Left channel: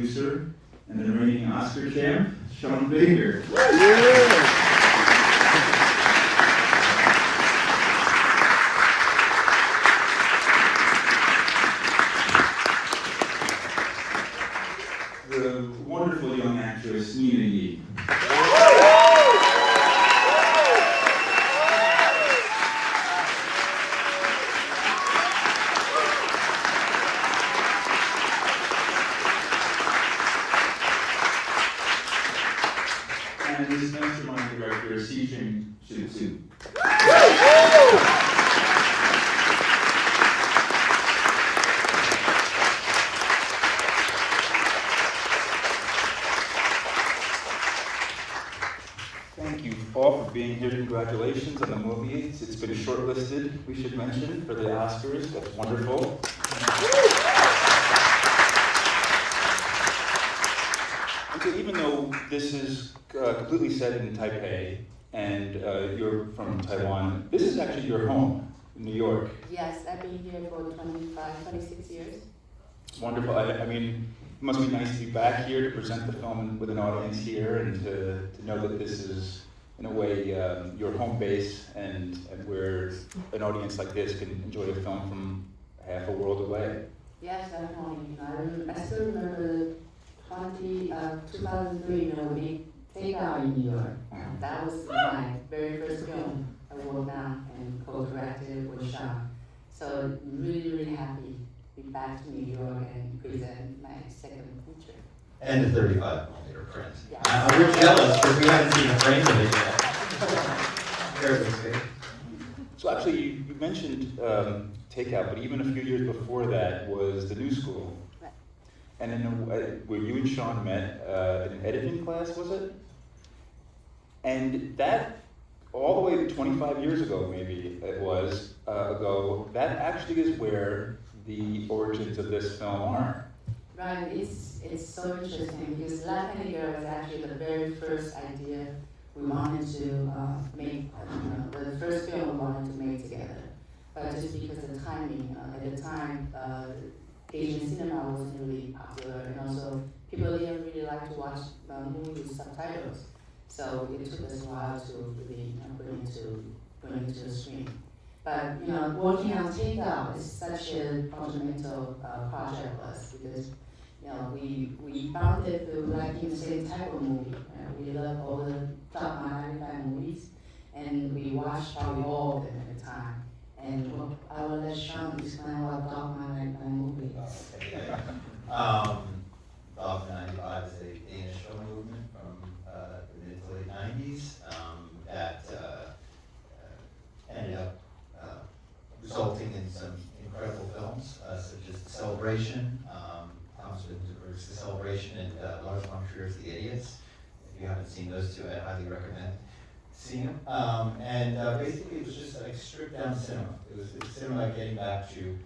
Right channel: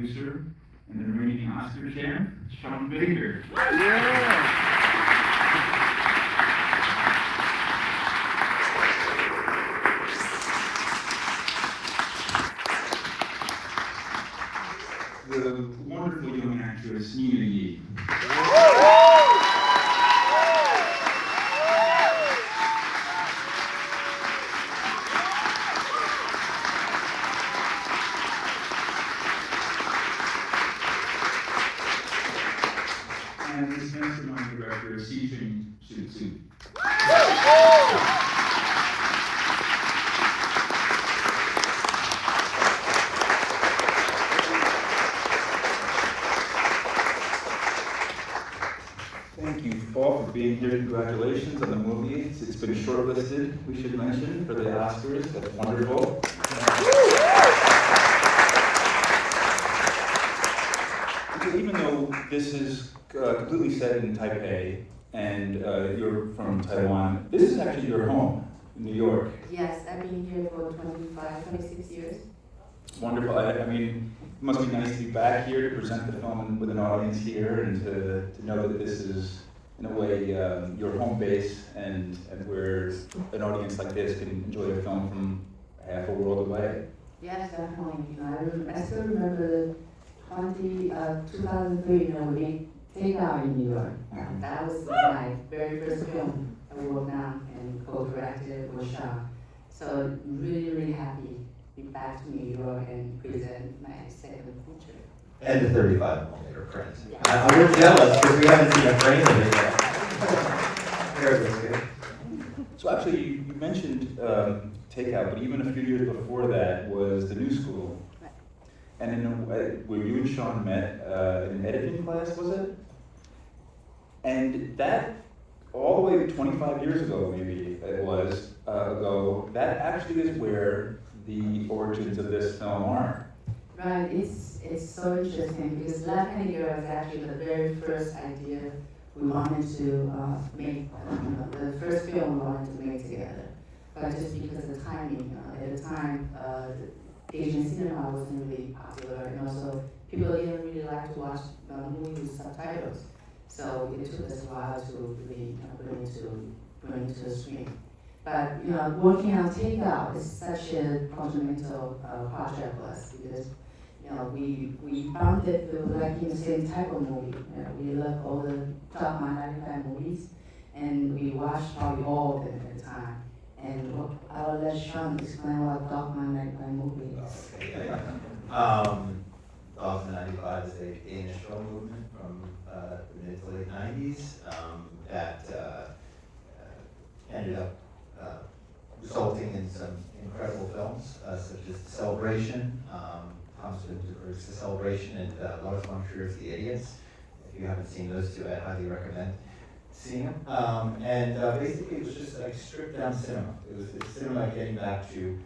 producer, and the reigning Oscar champ, Sean Baker. The wonderful young actress, Nina Yee. And this mastermind director, Shih-Ching, Tsou. Thank you all for being here. Congratulations on the movie. It's been shortlisted, we should mention, for the Oscars. That's wonderful. So even though this is completely set in Taipei, and you're from Taiwan, this is actually your home in New York. Yes, I've been here for 26 years. Wonderful. I mean, it must be nice to be back here to present the film with an audience here, and to know that this is, in a way, your home base, and where an audience like this can enjoy a film from half a world away. Yes, definitely. I still remember the 2003 when we made Take Out in New York. That was my very first film I wrote down and co-directed with Sean. So really, really happy to be back to New York and present my second feature. And the 35mm print. Yeah. We're jealous because we haven't seen a frame of it yet. Very good. So actually, you mentioned Takeout, but even a few years before that was The New School. Right. And in a way, where you and Sean met in an editing class, was it? And that, all the way to 25 years ago, maybe it was, ago, that actually is where the origins of this film are. Right, it's so interesting because Left Handed Girl is actually the very first idea we wanted to make, the first film we wanted to make together. But just because of the timing, at the time, Asian cinema wasn't really popular, and also people didn't really like to watch movies with subtitles. So it took us a while to really bring it to the screen. But working on Takeout is such a fundamental project for us because we found that we were liking the same type of movie. We love all the top 95 movies, and we watched how we evolved at the time. And I'll let Sean explain what Dogma 95 movie is. Dogma 95 is a Danish film movement from the mid to late 90s that ended up resulting in some incredible films, such as Celebration, Thomas Vinterberg's The Celebration, and Lars von Trier's The Idiots. If you haven't seen those two, I'd highly recommend seeing them. Basically, it was just like stripped down cinema. It was cinema getting back to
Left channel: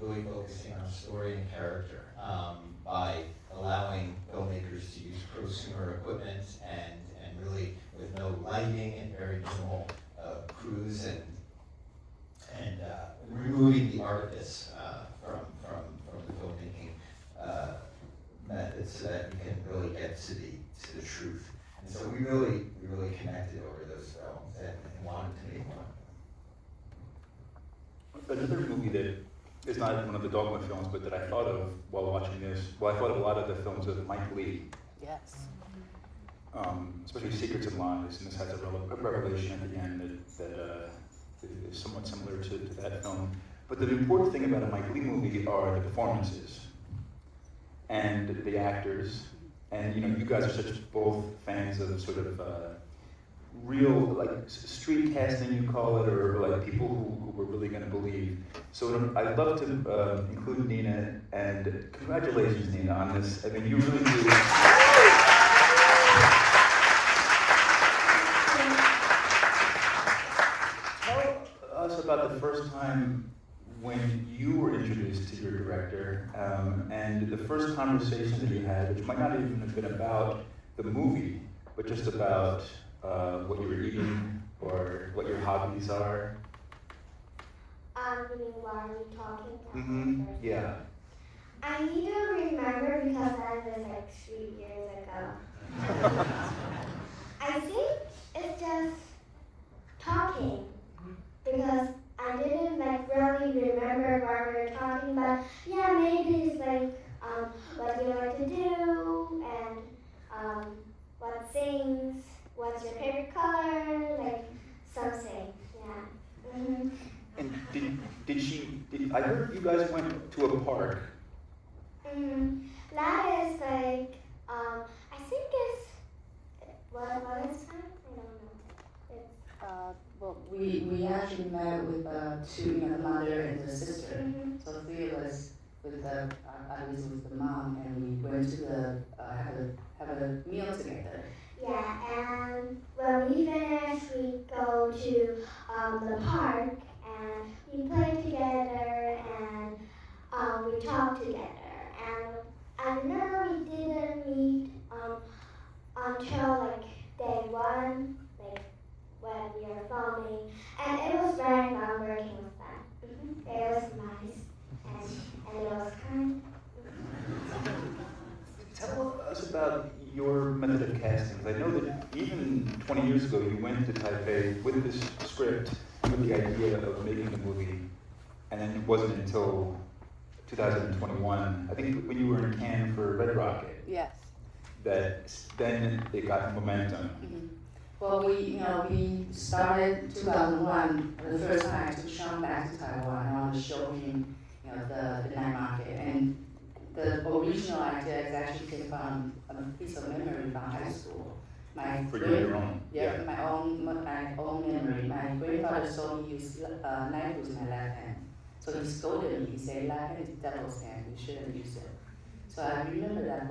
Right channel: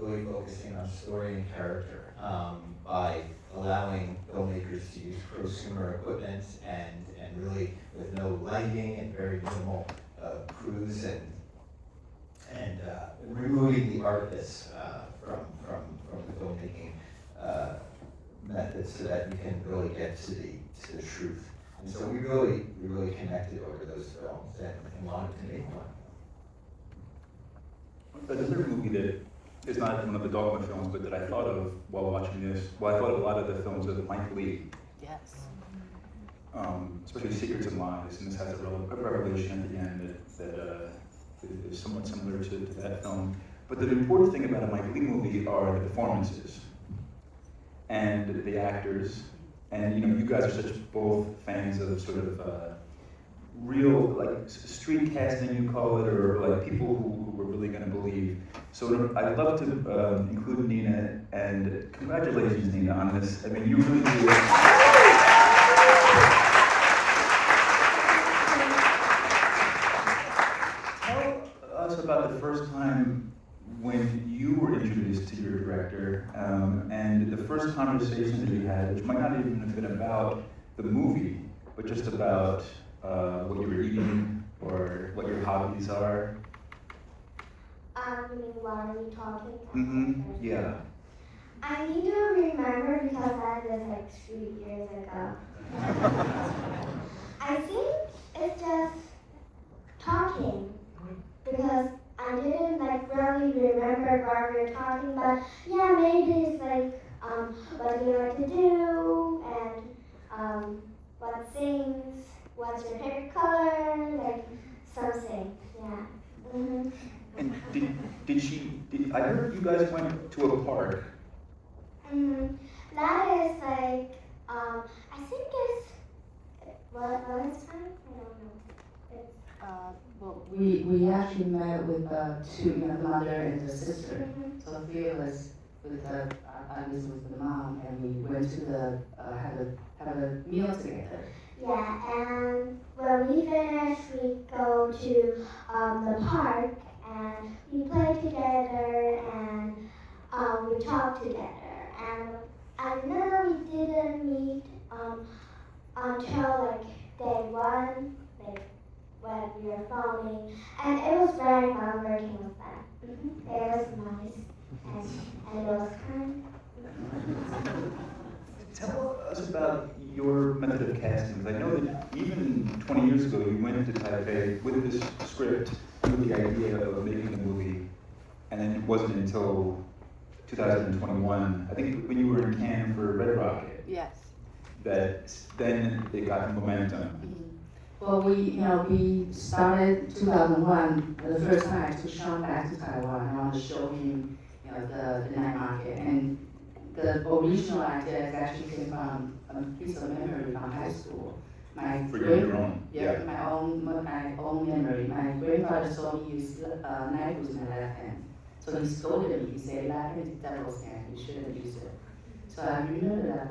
really focusing on story and character by allowing filmmakers to use prosumer equipment and really with no lighting and very minimal crews and removing the artifice from the filmmaking methods so that you can really get to the truth. And so we really connected over those films and wanted to make one. Another movie that is not one of the Dogma films, but that I thought of while watching this, well, I thought of a lot of the films of Mike Leigh. Yes. Especially Secrets and Lies, and this has a revelation at the end that is somewhat similar to that film. But the important thing about a Mike Leigh movie are the performances and the actors. And you guys are such both fans of sort of real, like street casting, you call it, or like people who were really going to believe. So I'd love to include Nina, and congratulations, Nina, on this. I mean, you really do. Tell us about the first time when you were introduced to your director, and the first conversation that you had, which might not even have been about the movie, but just about what you're eating or what your hobbies are. You mean while we talking? Yeah. I need to remember because that was like 3 years ago. I think it's just talking because I didn't like really remember what we were talking about. Yeah, maybe it's like what do you like to do and what things, what's your favorite color, like something. Yeah. And I heard you guys went to a park. That is like I think it's what is that? I don't know. It's, Well, we actually met with two, mother and the sister. So 3 of us with I was with the mom, and we went to the have a meal together. yeah, and when we finish, we go to the park and we play together and we talk together. And I remember we didn't meet until like day one, like when we were filming, and it was very fun working with them. It was nice, and it was kind. Tell us about your method of casting. I know that even 20 years ago you went to Taipei with this script, with the idea of making the movie, and then it wasn't until 2021, I think when you were in Cannes for Red Rocket, Yes. that then it got momentum. Well, we started 2001, the first time I took Sean back to Taiwan. I wanted to show him, the night market. And the original idea is actually came from a piece of memory from high school. For your own? Yeah, my own memory. My grandfather saw me use knives in my left hand. So he scolded me. He said, left hand is devil's hand. You shouldn't use it. So I remember that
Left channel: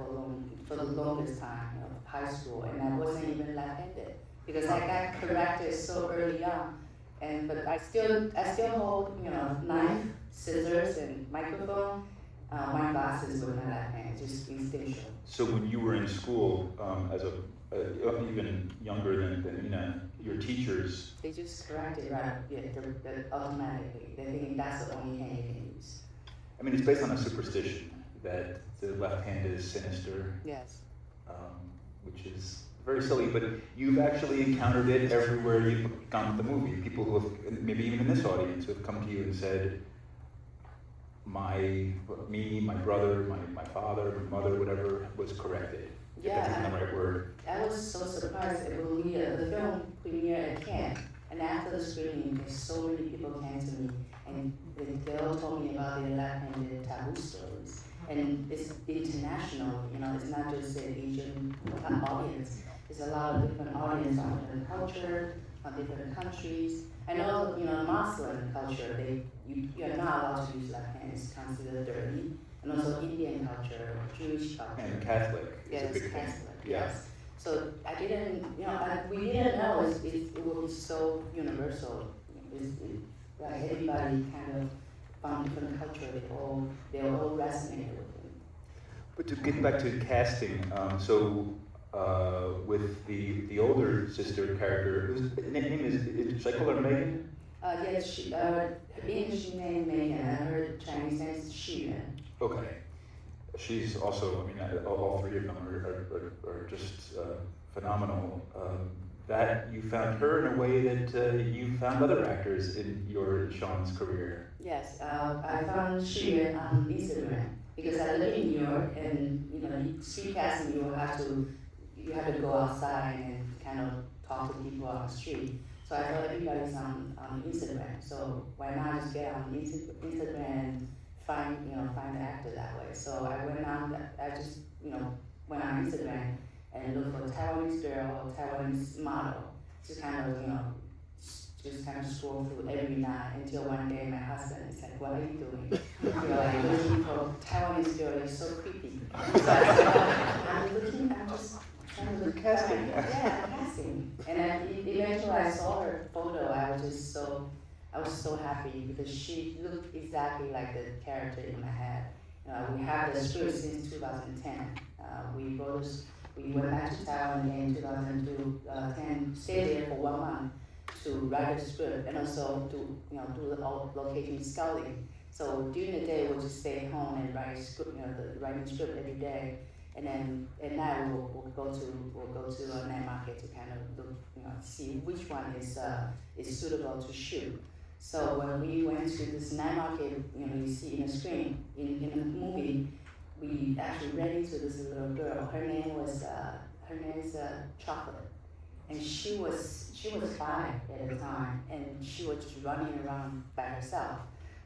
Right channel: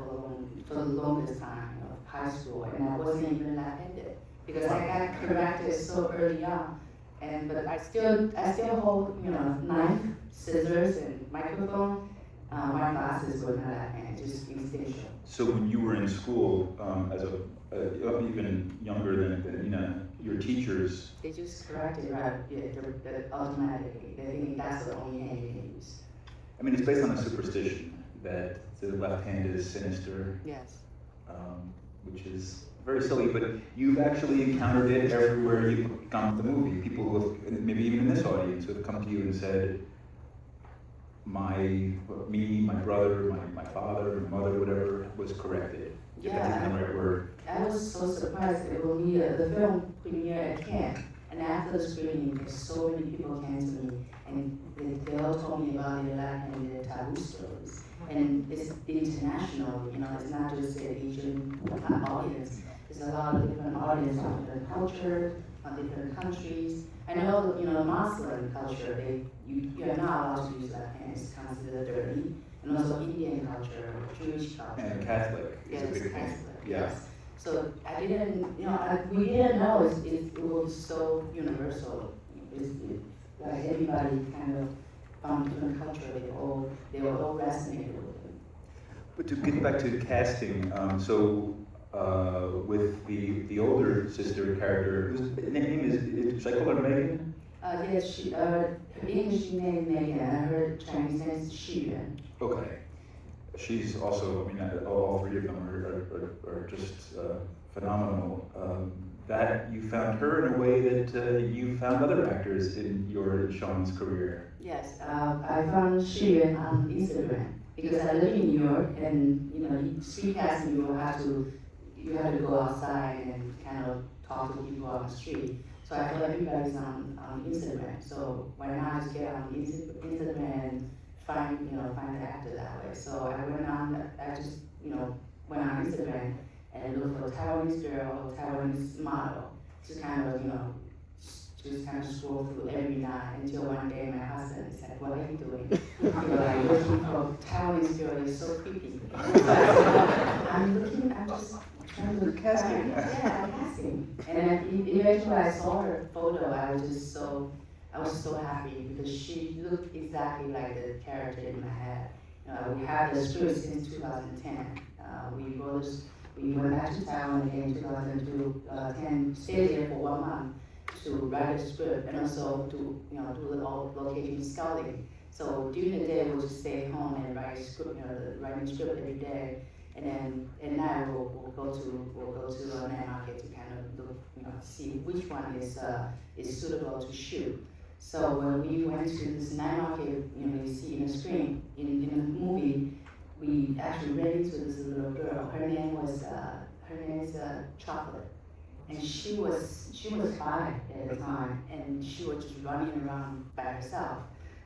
for the longest time of high school, and I wasn't even left-handed because I got corrected so early on. But I still hold knife, scissors, and microphone. My glasses were not left-handed, just distinction. So when you were in school, as even younger than your teachers, They just corrected right automatically. They think that's the only hand you can use. I mean, it's based on a superstition that the left hand is sinister, Yes. which is very silly, but you've actually encountered it everywhere you've gone with the movie. People who have, maybe even in this audience, who have come to you and said, my brother, my father, my mother, whatever, was corrected. If that's even the right word. I was so surprised that when the film premiered at Cannes, and after the screening, so many people came to me, and they all told me about their life and their taboo stories. And it's international, it's not just an Asian audience. There's a lot of different audience from different cultures, from different countries. And also, Muslim culture, you're not allowed to use left hand, it's considered dirty. And also Indian culture, Jewish culture. And Catholic is a big thing. Catholic, Yeah. yes. So I didn't, we didn't know it was so universal. Like everybody kind of from different culture, they were all fascinated with it. But to get back to the casting, with the older sister character, whose name is should I call her Megan? Yes, her English name Megan, and her Chinese name is Shih-Ching. Okay. She's also, all three of them are just phenomenal. That you found her in a way that you found other actors in Sean's career. Yes, I found Shih-Ching on Instagram because I live in New York, and you speak casting, you have to go outside and kind of talk to people on the street. So I thought everybody's on Instagram. So why not just get on Instagram and find the actor that way. So I went on. I just went on Instagram and looked for a Taiwanese girl or Taiwanese model. Just kind of scroll through every night until one day my husband said, "What are you doing? You're like looking for Taiwanese girl. You're so creepy." So I said, "Oh, I'm just trying to look casting." Yeah, I'm casting. And then eventually I saw her photo. I was so happy because she looked exactly like the character in my head. We had the script since 2010. We went back to Taiwan again in 2010, stayed there for 1 month to write the script and also to do the location scouting. So during the day, we'll just stay home and write script, the writing script every day. And then at night, we'll go to a night market to kind of look, see which one is suitable to shoot. So when we went to this night market, you see in the screen, in the movie, we actually ran into this little girl. Her name is Chocolate, and she was 5 at the time, and she was just running around by herself.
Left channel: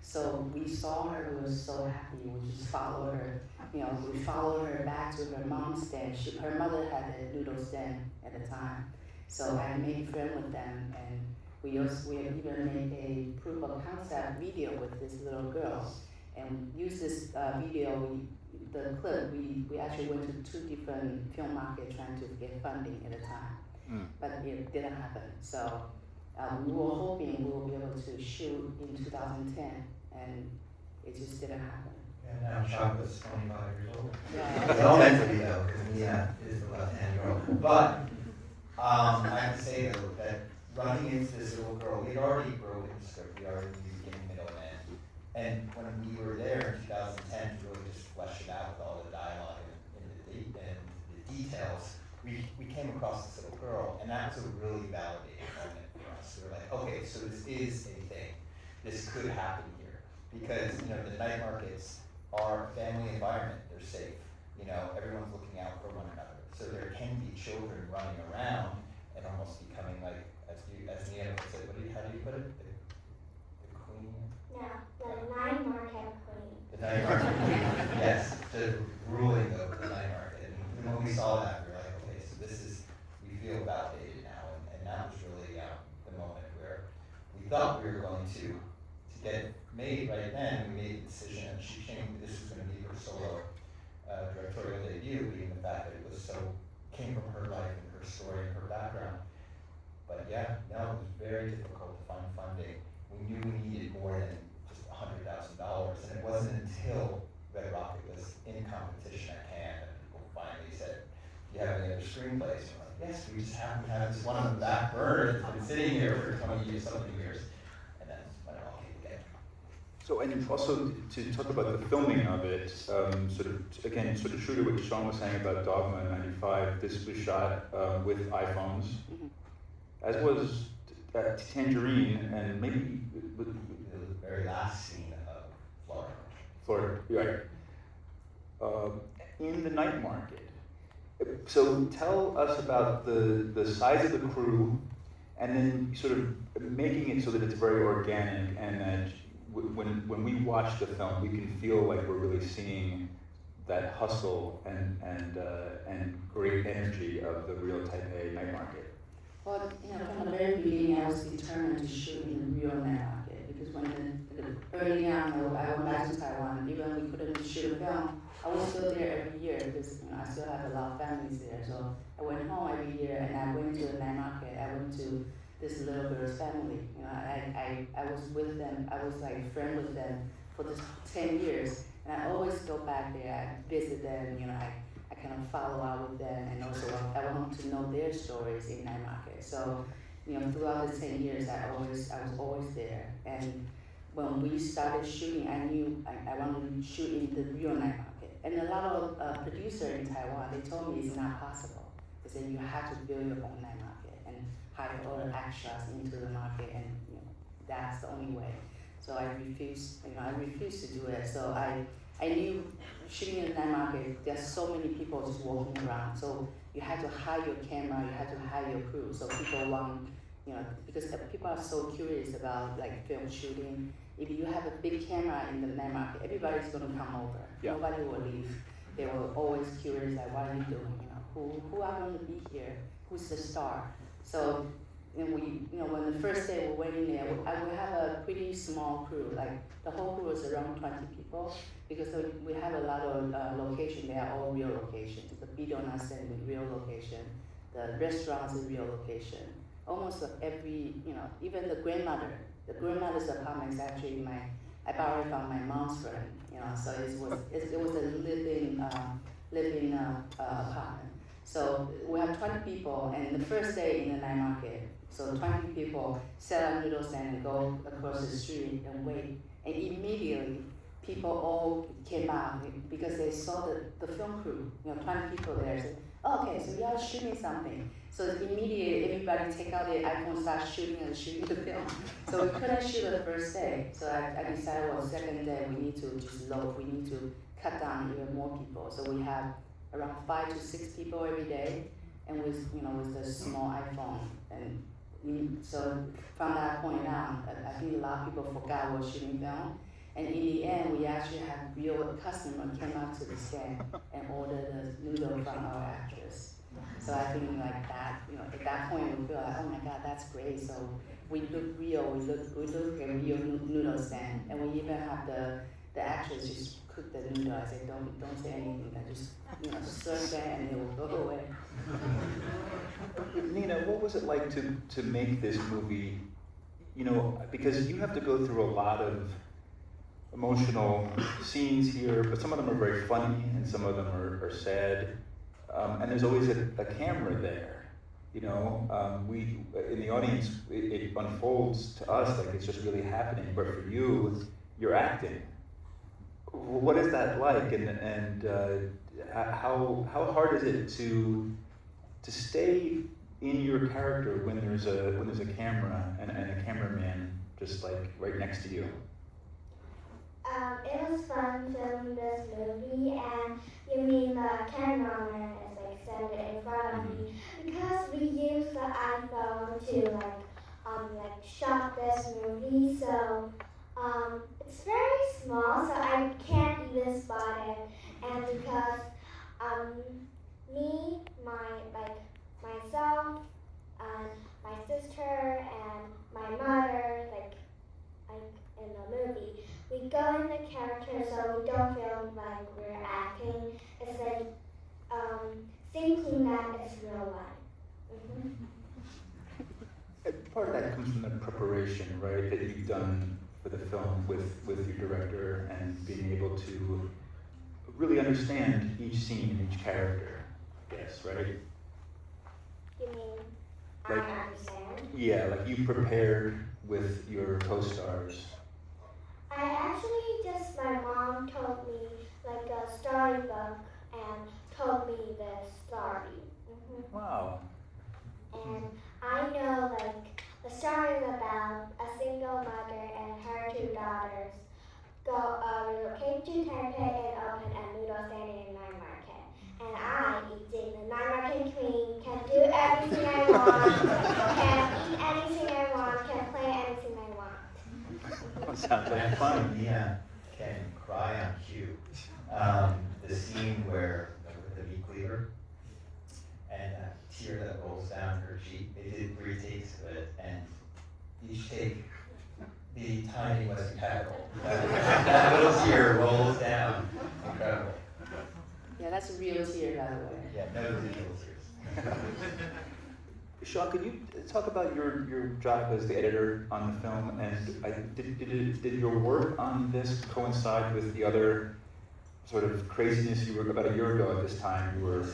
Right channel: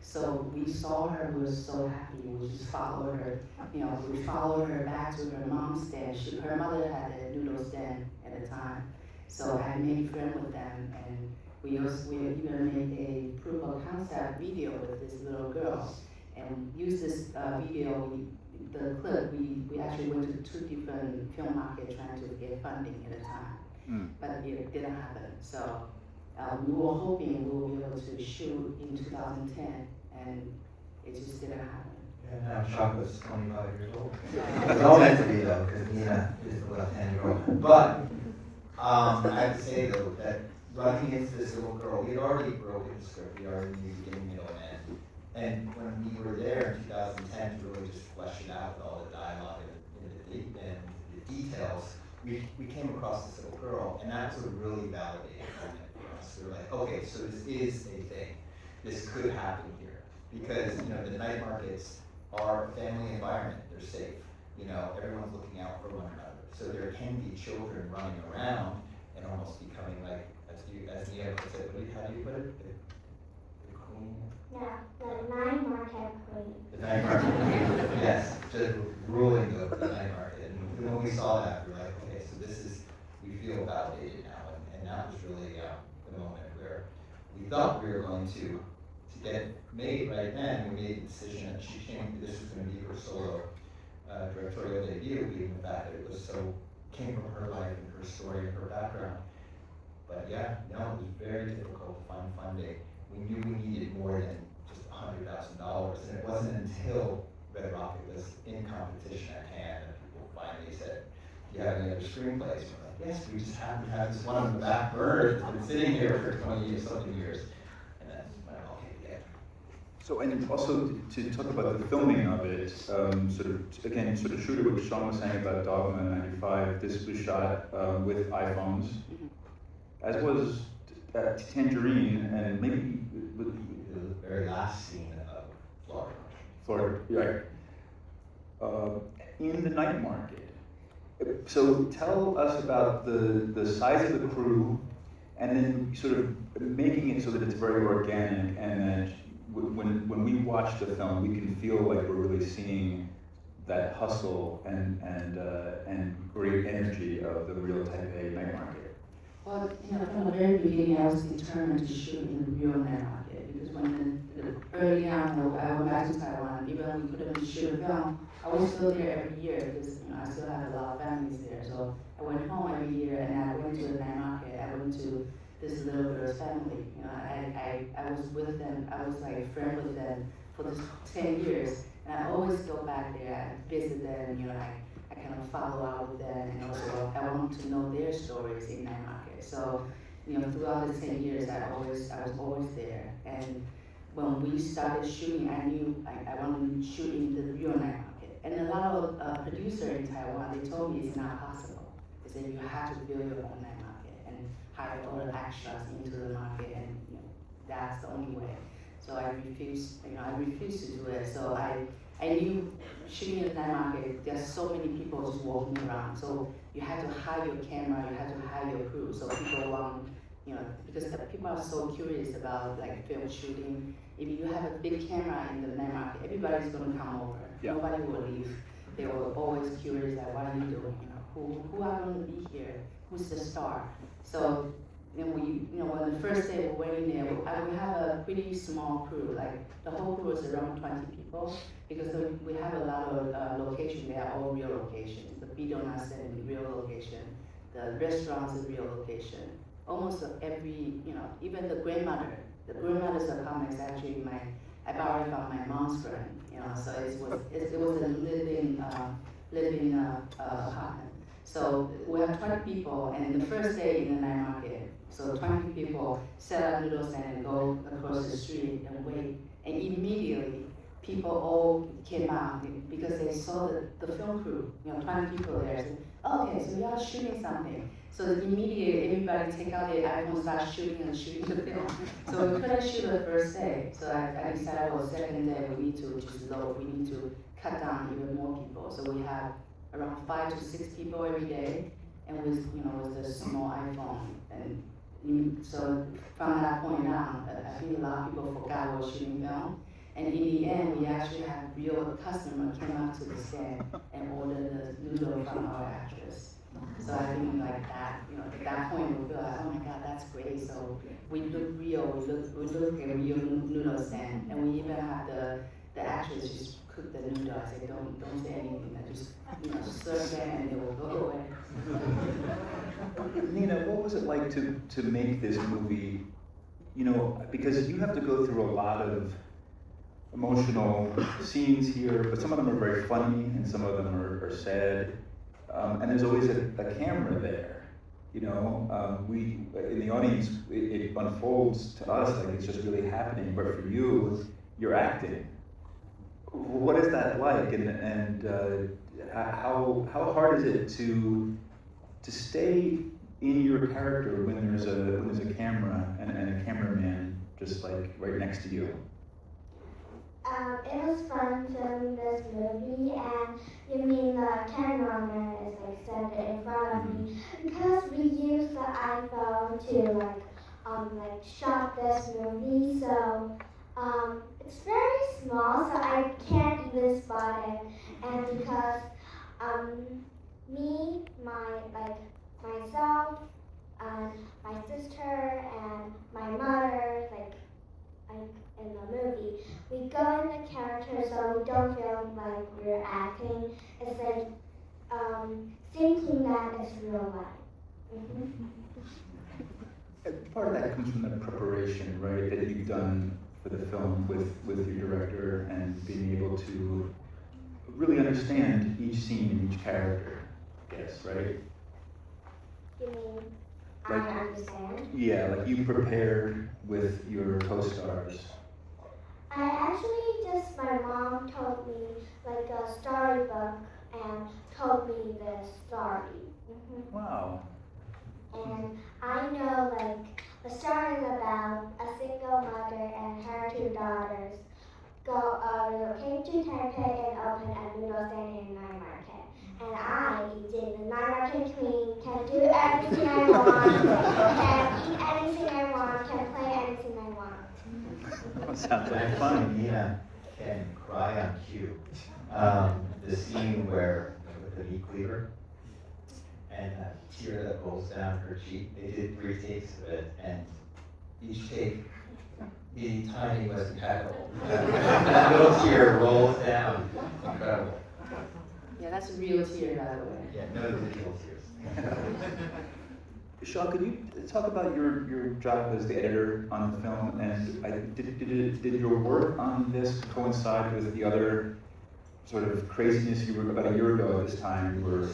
So we saw her, we were so happy. We just followed her. We followed her back to her mom's stand. Her mother had a noodle stand at the time, so I made friends with them, and we even made a proof of concept video with this little girl, and used this video. The clip, we actually went to 2 different film markets trying to get funding at the time, but it didn't happen. So we were hoping we would be able to shoot in 2010, and it just didn't happen. And now Chocolate's 25 years old. Yeah. It's all meant to be though, because Nina is the left-hand girl. But I have to say though that running into this little girl, we had already broken the script. We already knew beginning, middle, and end. And when we were there in 2010 to really just flesh it out with all the dialogue and the details, we came across this little girl, and that was a really validating moment for us. We were like, okay, so this is a thing. This could happen here. Because, the night markets are a family environment. They're safe. Everyone's looking out for one another. So there can be children running around and almost becoming like, as Nia puts it, how do you put it? The queen? No, the night market queen. The night market queen, yes, just ruling the night market. And when we saw that, we were like, okay, so we feel validated now. And that was really the moment where we thought we were going to get made right then. We made the decision that Shih-Ching, this was going to be her solo directorial debut, being the fact that it was came from her life and her story and her background. But yeah, no, it was very difficult to find funding. We knew we needed more than just $100,000, and it wasn't until Red Rocket was in competition at Cannes that people finally said, "Do you have any other screenplays?" We're like, "Yes, we just happen to have this one on the back burner that's been sitting here for 20 years, something years," and that's when it all came together. So, and also to talk about the filming of it, sort of true to what Sean was saying about Dogma 95, this was shot with iPhones, as was Tangerine, and maybe with The very last scene of Florida. right. In the night market. So tell us about the size of the crew, and then sort of making it so that it's very organic, and that when we watch the film, we can feel like we're really seeing that hustle and great energy of the real Taipei night market. Well, from the very beginning, I was determined to shoot in the real night market, because early on, I went back to Taiwan, even though we couldn't shoot film, I was still there every year, because I still have a lot of families there. So I went home every year, and I went to the night market. I went to this little girl's family. I was with them. I was like a friend with them for this 10 years, and I always go back there. I visit them. I kind of follow up with them, and also I want to know their stories in night market. So, throughout the 10 years, I was always there. And when we started shooting, I knew I wanted to shoot in the real night market. And a lot of producers in Taiwan, they told me it's not possible. They said you have to build your own night market and hire other extras into the market, and that's the only way. So I refused to do it. So I knew shooting in the night market, there's so many people just walking around. So you have to hire your camera, you have to hire your crew. So people want, because people are so curious about like film shooting. If you have a big camera in the night market, everybody's gonna come over. Yeah. Nobody will leave. They were always curious, like, what are you doing? Who are gonna be here? Who's the star? So when the first day we went in there, we have a pretty small crew. Like the whole crew was around 20 people, because we have a lot of locations. They are all real locations. The video not set in real location. The restaurants is real location. Almost every, even the grandmother's apartment is actually I borrowed from my mom's friend. So it was a living apartment. So we have 20 people, and the first day in the night market, so 20 people set up little stand and go across the street and wait And immediately, people all came out because they saw the film crew, 20 people there. Said, okay, so y'all shooting something. So immediately, everybody take out their iPhone, start shooting the film. So we couldn't shoot the first day. So I decided, well, second day we need to just load. We need to cut down even more people. So we have around 5 to 6 people every day, and with with a small iPhone. And so from that point on, I think a lot of people forgot we were shooting film. And in the end, we actually had real customers came up to the stand and ordered the noodle from our actress. So I think like that, at that point we feel like, oh my God, that's great. So we look real, we look at real noodle stand, and we even have the actress just cook the noodle. I say, don't say anything. I just serve them and they will go away. Nina, what was it like to make this movie? Because you have to go through a lot of emotional scenes here, but some of them are very funny and some of them are sad. And there's always a camera there. We in the audience, it unfolds to us like it's just really happening. But for you, you're acting. What is that like? And how hard is it to stay in your character when there's a camera and a cameraman just like right next to you? It was fun filming this movie, and you mean the cameraman is like standing in front of me because we use the iPhone to shot this movie. So it's very small, so I can't even spot it. And because me, myself, and my sister and my mother, like in the movie, we go in the character so we don't feel like we're acting. It's like thinking that it's real life. Mm-hmm. Part of that comes from the preparation, right, that you've done for the film with your director and being able to really understand each scene and each character, I guess, right? You mean Like, I understand? Yeah, like you prepared with your co-stars. I actually my mom told me like a storybook and told me the story. Mm-hmm. Wow. And I know like the story is about a single mother and her 2 daughters relocate to Taipei and open a noodle stand in night market. And I, being the night market queen, can do everything I want, can eat anything I want, can play anything I want. That sounds like fun. Nina can cry on cue. The scene where with the meat cleaver and that tear that rolls down her cheek. They did 3 takes of it, and each take, the timing was impeccable. That little tear rolls down. Incredible. Yeah, that's a real tear, by the way. Yeah, no digital tears. Shaw, could you talk about your job as the editor on the film, and did your work on this coincide with the other sort of craziness you were about a year ago at this time? You were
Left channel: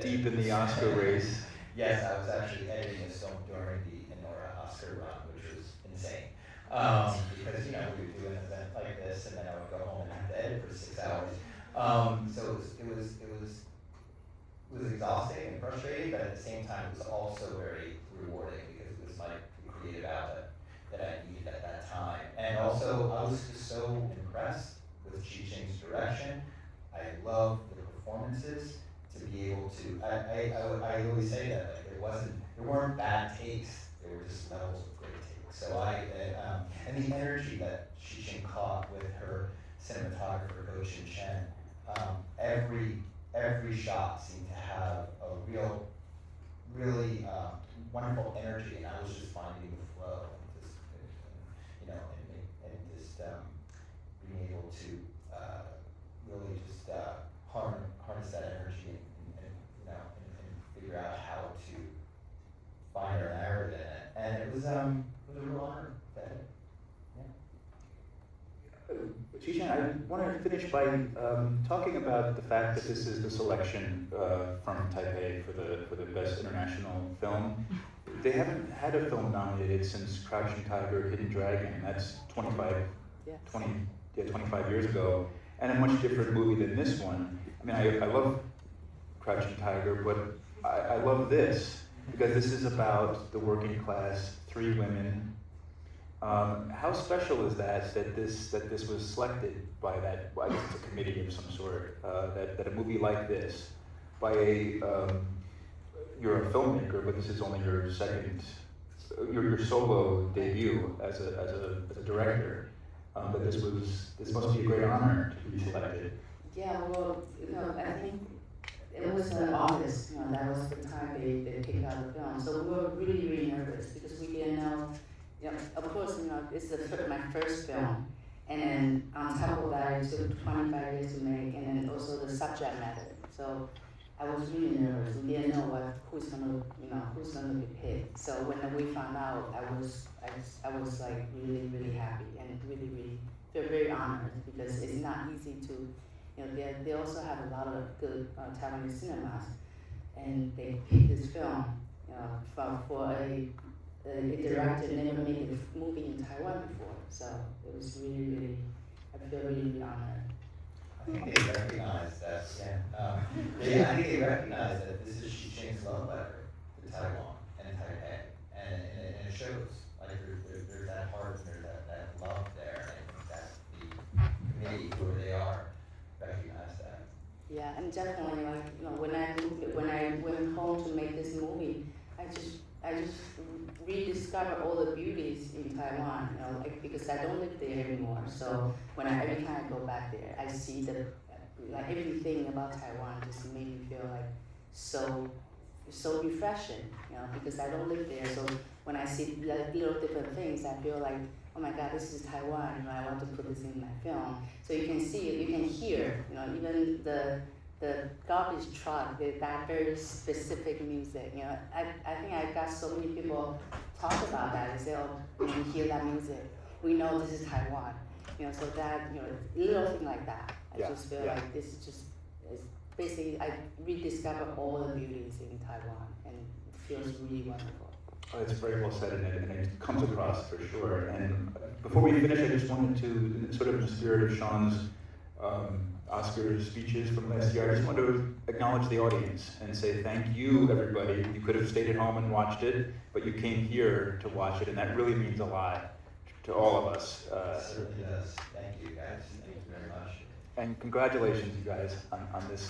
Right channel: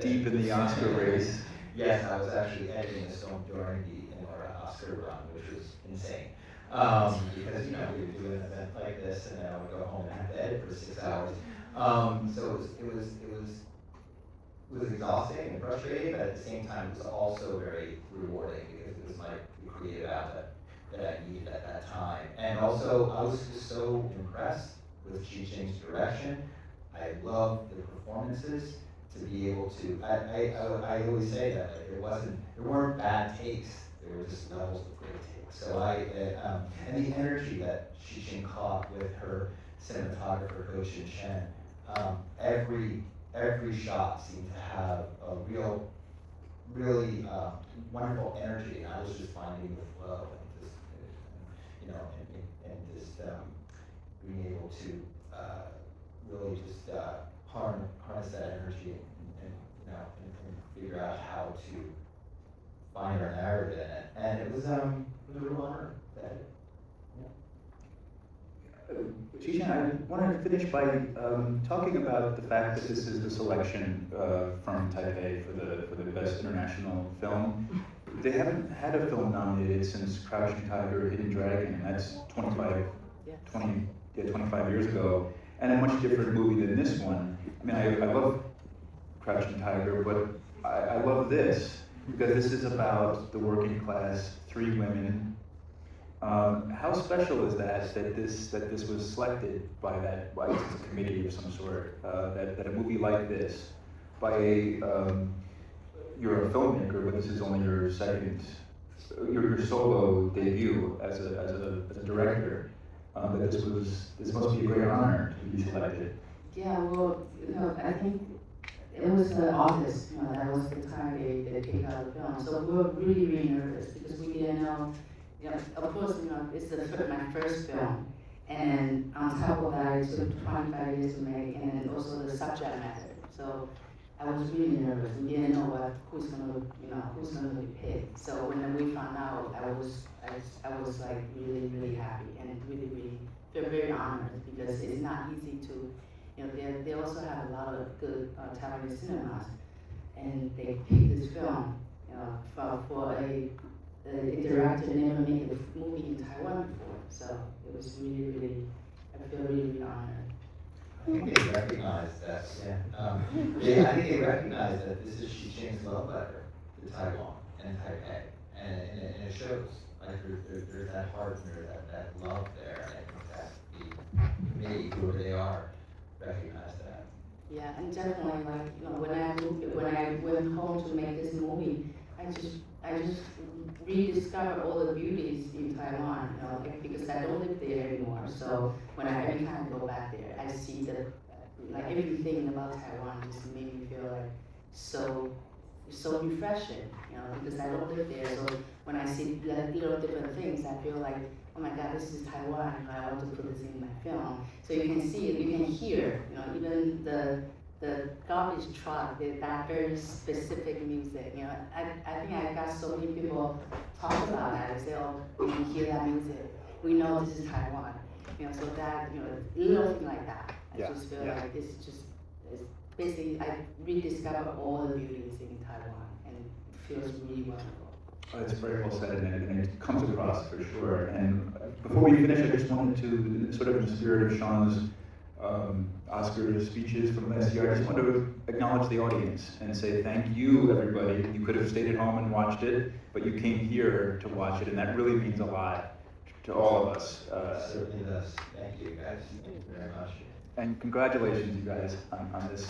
deep in the Oscar race. Yes, I was actually editing this film during the Oscar run, which was insane. Because we were doing an event like this, and then I would go home and have to edit for 6 hours. So it was exhausting and frustrating, but at the same time, it was also very rewarding because it was like the creative outlet that I needed at that time. And also, I was just so impressed with Shih-Ching's direction. I loved the performances. To be able to, I always say that like, there weren't bad takes. There were just levels of great takes. So and the energy that Shih-Ching caught with her cinematographer, Ho Chin Chen, every shot seemed to have a really wonderful energy. And I was just finding the flow of this, and just being able to really just harness that energy and figure out how to find our narrative in it. And it was a real honor. Shih-Ching, I want to finish by talking about the fact that this is the selection from Taipei for the Best International Film. They haven't had a film nominated since Crouching Tiger, Hidden Dragon. That's 25 Yes. 25 years ago, and a much different movie than this one. I mean, I love Crouching Tiger, but I love this because this is about the working class, 3 women. How special is that this was selected by a committee of some sort, that a movie like this, by you're a filmmaker, but this is only your your solo debut as a director. That this must be a great honor to be selected. Yeah, well, I think it was August, that was the time they picked out the film. So we were really, really nervous because we didn't know, of course, it's my first film. And on top of that, it took 25 years to make, and then also the subject matter. So I was really nervous. We didn't know who's gonna hit. So when we found out, I was like really, really happy and really feel very honored because it's not easy to, they also have a lot of good Taiwanese cinemas, and they picked this film, for a director never made a movie in Taiwan before. So it was really, I feel really honored. I think they recognize that. I think they recognize that this is Shih-Ching's love letter to Taiwan and Taipei, and it shows. Like there's that heart and there's that love there. And I think that the committee, whoever they are, recognize that. Yeah, and definitely, when I went home to make this movie, I just rediscovered all the beauties in Taiwan, because I don't live there anymore. So every time I go back there, I see everything about Taiwan just made me feel like so refreshing, because I don't live there. So when I see little different things, I feel like, oh my God, this is Taiwan. I want to put this in my film. So you can see it, you can hear, even the garbage truck, that very specific music. I think I got so many people talk about that. They say, oh, when you hear that music, we know this is Taiwan. So that, little thing like that. I just feel like this is it's basically, I rediscovered all the beauties in Taiwan, and it feels really wonderful. That's very well said, and it comes across for sure. And before we finish, I just wanted to, sort of in the spirit of Sean's Oscar speeches from last year, I just wanted to acknowledge the audience and say thank you, everybody. You could have stayed at home and watched it, but you came here to watch it, and that really means a lot to all of us. It certainly does. Thank you, guys. Thank you very much. And congratulations, you guys, on this.